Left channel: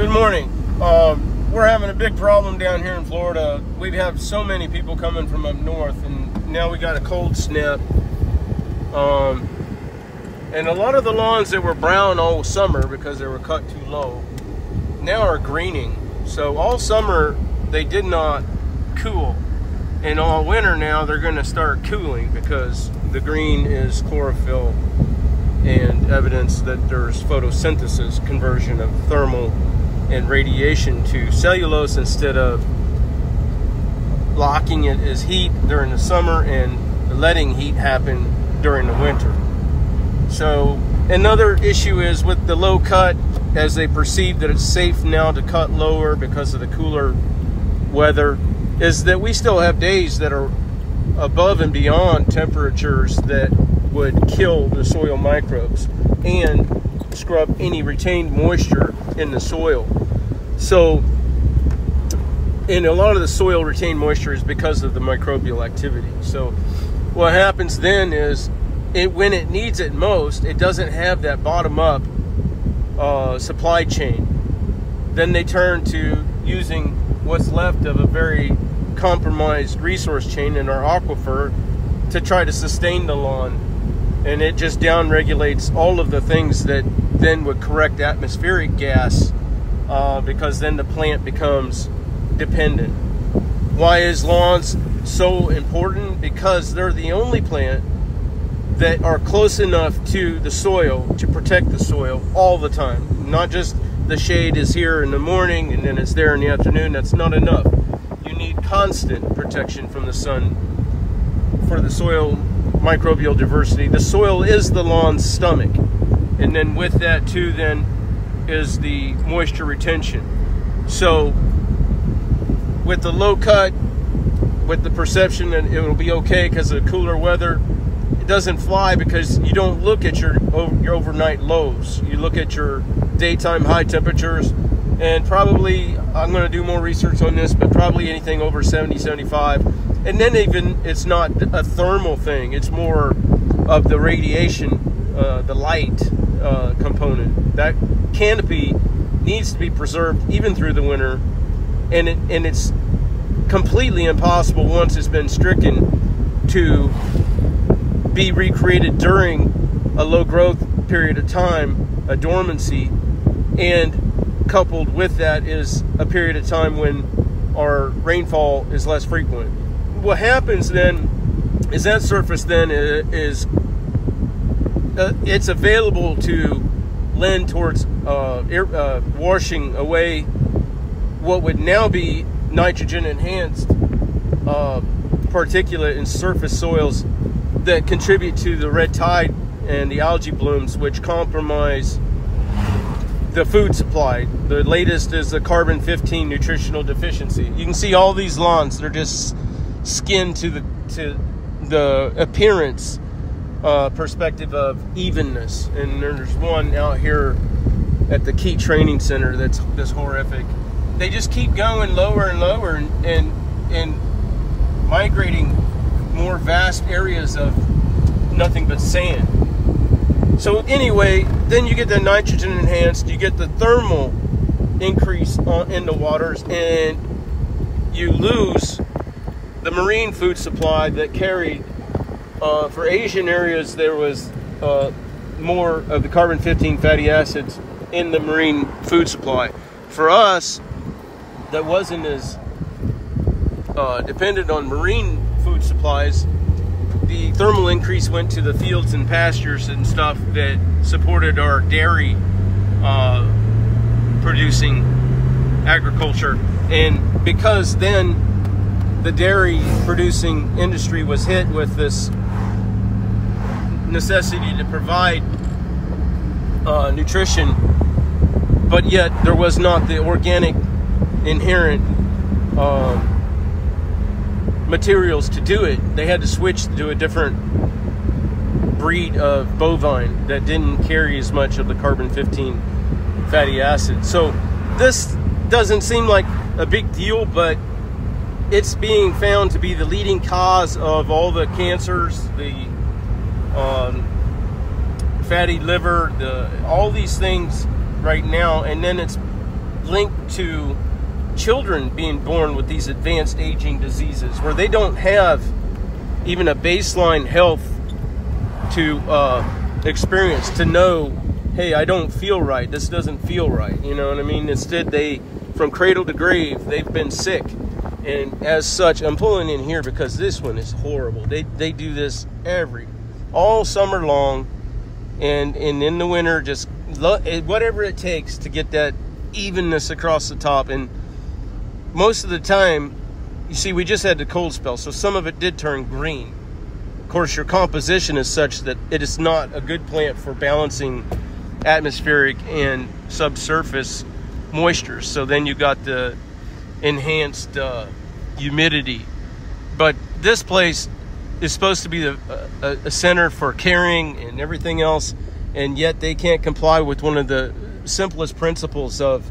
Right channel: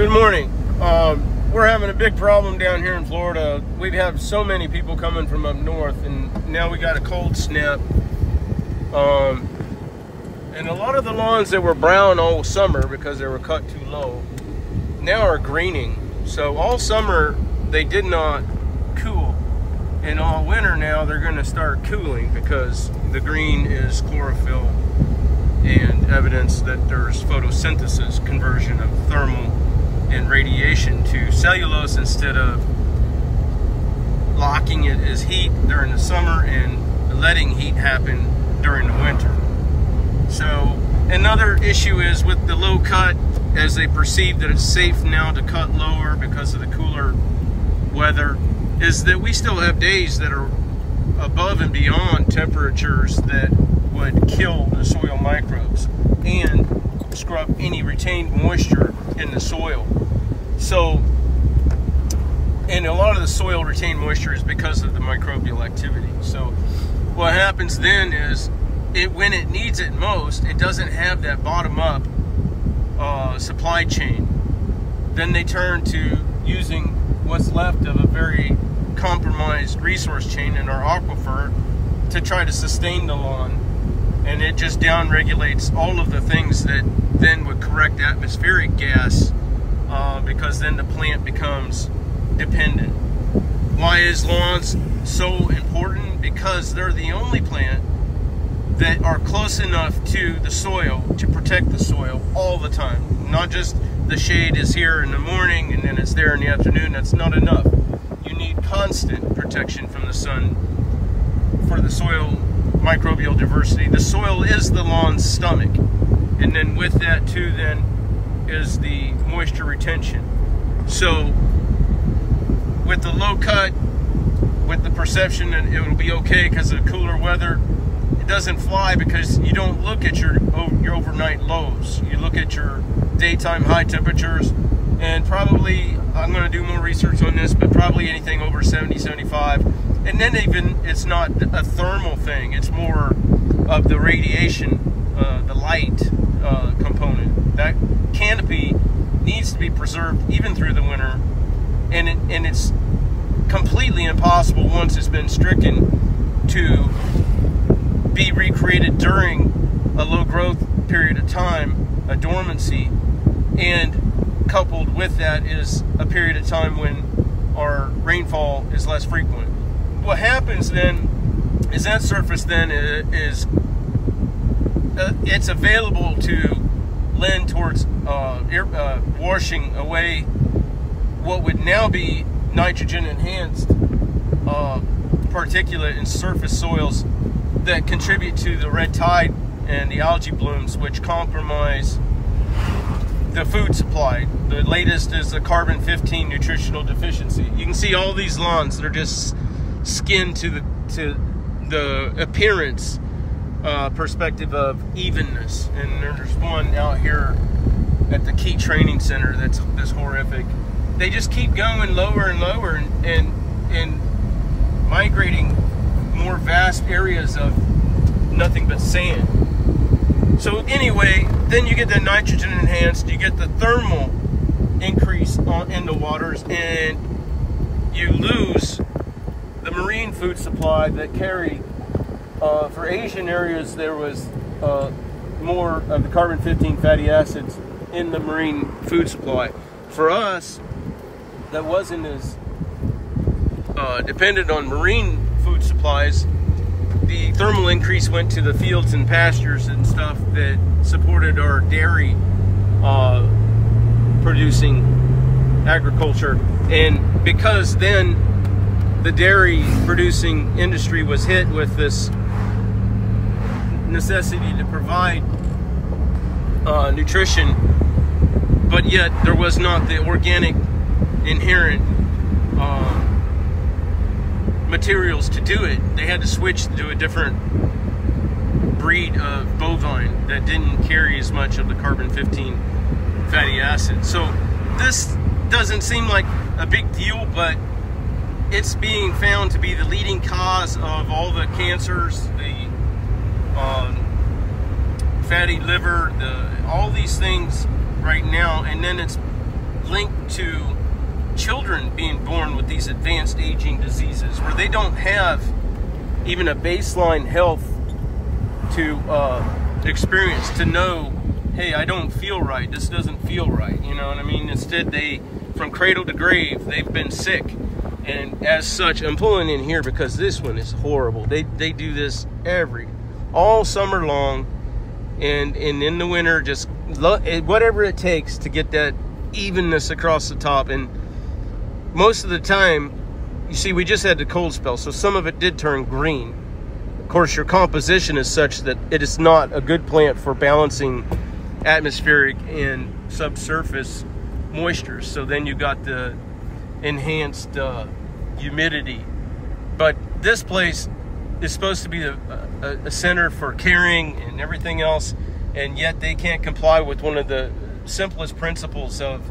Good morning. We're having a big problem down here in Florida. We have so many people coming from up north, and now we got a cold snap. And a lot of the lawns that were brown all summer because they were cut too low now are greening. So all summer they did not cool, and all winter now they're going to start cooling because the green is chlorophyll and evidence that there's photosynthesis, conversion of thermal and radiation to cellulose instead of locking it as heat during the summer and letting heat happen during the winter. So another issue is with the low cut, as they perceive that it's safe now to cut lower because of the cooler weather, is that we still have days that are above and beyond temperatures that would kill the soil microbes and scrub any retained moisture in the soil. So, and a lot of the soil retained moisture is because of the microbial activity. So what happens then is when it needs it most, it doesn't have that bottom-up supply chain. Then they turn to using what's left of a very compromised resource chain in our aquifer to try to sustain the lawn. And it just down-regulates all of the things that then would correct atmospheric gas, because then the plant becomes dependent. Why is lawns so important? Because they're the only plant that are close enough to the soil to protect the soil all the time. Not just the shade is here in the morning and then it's there in the afternoon. That's not enough. You need constant protection from the sun for the soil microbial diversity. The soil is the lawn's stomach, and then with that too then is the moisture retention. So with the low cut, with the perception that it will be okay because of the cooler weather, it doesn't fly because you don't look at your overnight lows. You look at your daytime high temperatures, and probably, I'm going to do more research on this, but probably anything over 70, 75. And then even, it's not a thermal thing, it's more of the radiation, the light component. That canopy needs to be preserved even through the winter, and it's completely impossible once it's been stricken to be recreated during a low growth period of time, a dormancy, and coupled with that is a period of time when our rainfall is less frequent. What happens then is that surface then is it's available to lend towards washing away what would now be nitrogen enhanced particulate in surface soils that contribute to the red tide and the algae blooms, which compromise the food supply. The latest is the carbon-15 nutritional deficiency. You can see all these lawns, they're just skinned to the appearance perspective of evenness. And there's one out here at the Key Training Center that's horrific. They just keep going lower and lower and migrating more vast areas of nothing but sand. So anyway, then you get the nitrogen enhanced, you get the thermal increase in the waters, and you lose the marine food supply that carried, for Asian areas, there was more of the carbon-15 fatty acids in the marine food supply. For us, that wasn't as dependent on marine food supplies. The thermal increase went to the fields and pastures and stuff that supported our dairy producing agriculture. And because then the dairy producing industry was hit with this necessity to provide nutrition, but yet there was not the organic inherent materials to do it. They had to switch to a different breed of bovine that didn't carry as much of the carbon-15 fatty acid. So this doesn't seem like a big deal, but it's being found to be the leading cause of all the cancers, the fatty liver, all these things right now. And then it's linked to children being born with these advanced aging diseases where they don't have even a baseline health to experience to know, hey, I don't feel right, this doesn't feel right, you know what I mean? Instead, they, from cradle to grave, they've been sick. And as such, I'm pulling in here because this one is horrible. They do this all summer long, and in the winter, just whatever it takes to get that evenness across the top. And most of the time, you see, we just had the cold spell, so some of it did turn green. Of course, your composition is such that it is not a good plant for balancing atmospheric and subsurface moisture. So then you got the enhanced humidity. But this place is supposed to be a center for caring and everything else, and yet they can't comply with one of the simplest principles of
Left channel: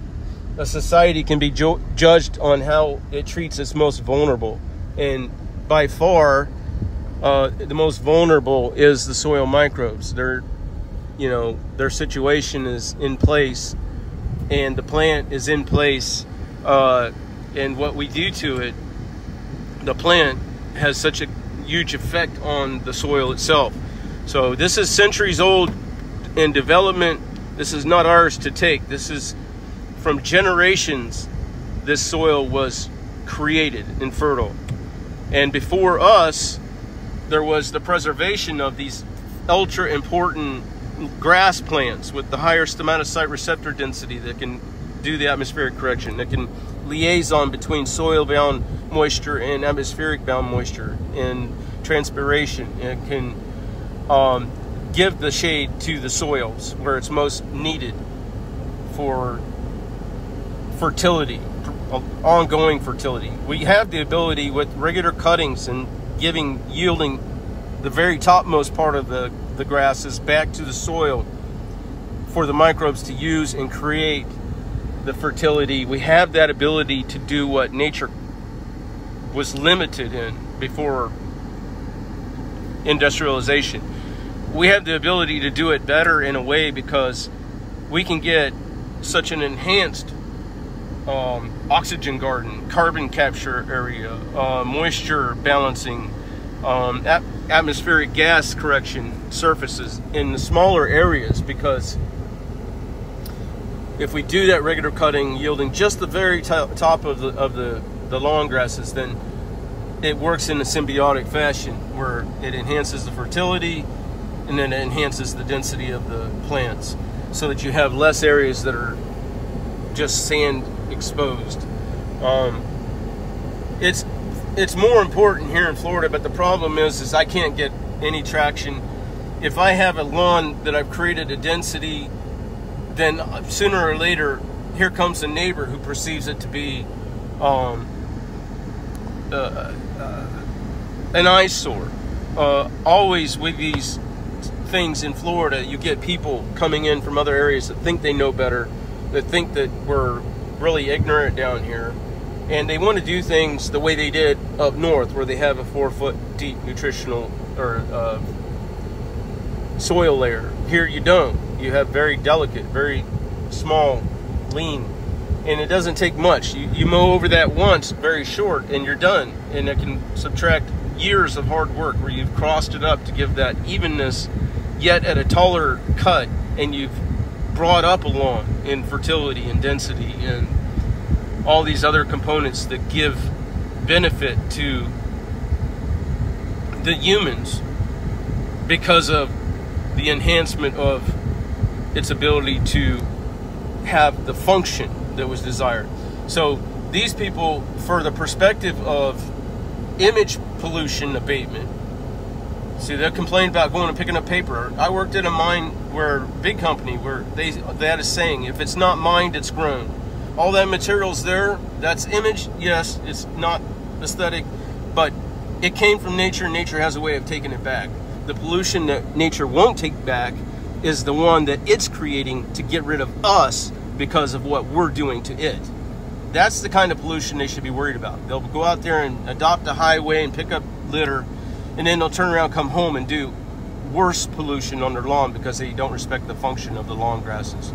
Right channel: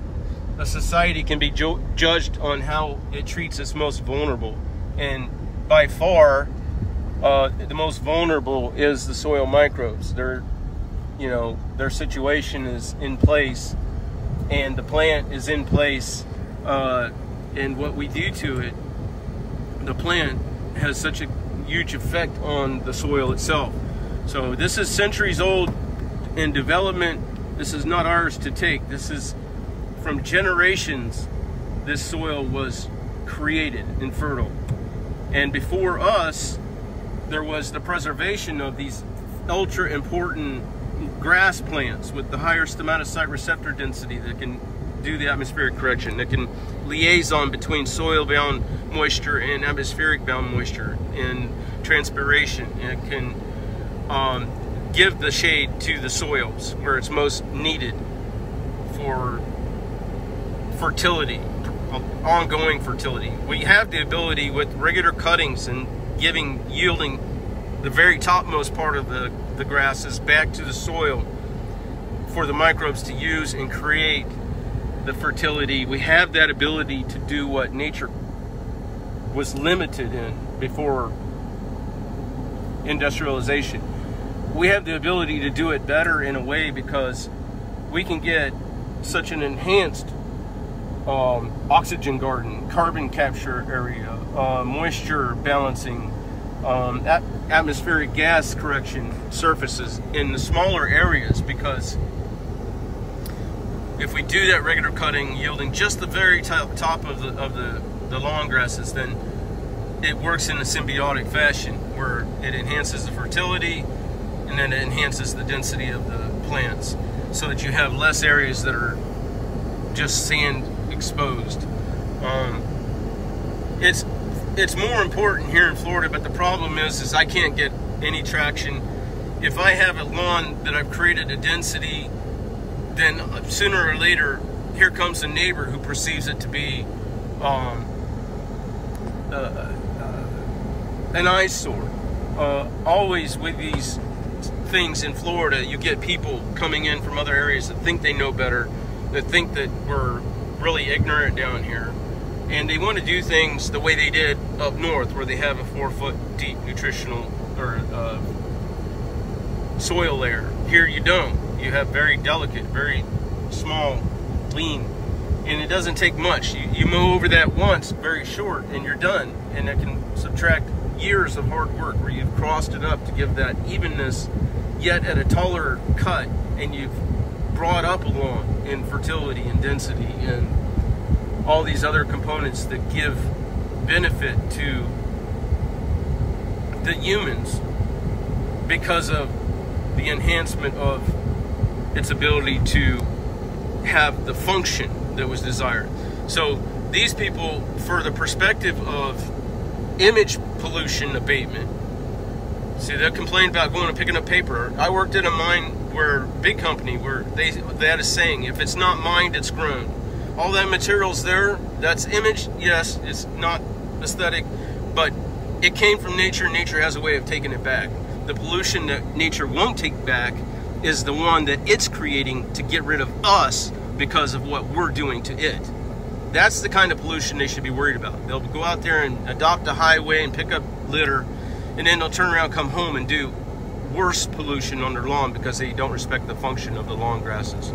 a society can be judged on how it treats its most vulnerable. And by far, the most vulnerable is the soil microbes. Their situation is in place, and the plant is in place, and what we do to it, the plant, has such a huge effect on the soil itself. So this is centuries old in development. This is not ours to take. This is from generations. This soil was created and fertile. And before us, there was the preservation of these ultra important grass plants with the higher stomatocyte receptor density that can do the atmospheric correction, that can liaison between soil-bound moisture and atmospheric-bound moisture and transpiration. It can give the shade to the soils where it's most needed for fertility, ongoing fertility. We have the ability with regular cuttings and yielding the very topmost part of the grasses back to the soil for the microbes to use and create the fertility. We have that ability to do what nature was limited in before industrialization. We have the ability to do it better in a way because we can get such an enhanced oxygen garden, carbon capture area, moisture balancing, atmospheric gas correction surfaces in the smaller areas, because if we do that regular cutting yielding just the very top of the long grasses, then it works in a symbiotic fashion where it enhances the fertility and then it enhances the density of the plants, so that you have less areas that are just sand exposed. It's more important here in Florida, but the problem is I can't get any traction. If I have a lawn that I've created a density, then sooner or later, here comes a neighbor who perceives it to be an eyesore. Always with these things in Florida, you get people coming in from other areas that think they know better, that think that we're really ignorant down here, and they want to do things the way they did up north, where they have a 4-foot deep nutritional or soil layer. Here you don't. You have very delicate, very small, lean, and it doesn't take much. You mow over that once, very short, and you're done. And it can subtract years of hard work where you've crossed it up to give that evenness, yet at a taller cut, and you've brought up a lawn in fertility and density and all these other components that give benefit to the humans because of the enhancement of its ability to have the function that was desired. So these people, for the perspective of image pollution abatement, see, they'll complain about going and picking up paper. I worked at a mine where, big company, where they had a saying, if it's not mined, it's grown. All that material's there, that's image, yes, it's not aesthetic, but it came from nature, and nature has a way of taking it back. The pollution that nature won't take back is the one that it's creating to get rid of us because of what we're doing to it. That's the kind of pollution they should be worried about. They'll go out there and adopt a highway and pick up litter, and then they'll turn around, come home, and do worse pollution on their lawn because they don't respect the function of the lawn grasses.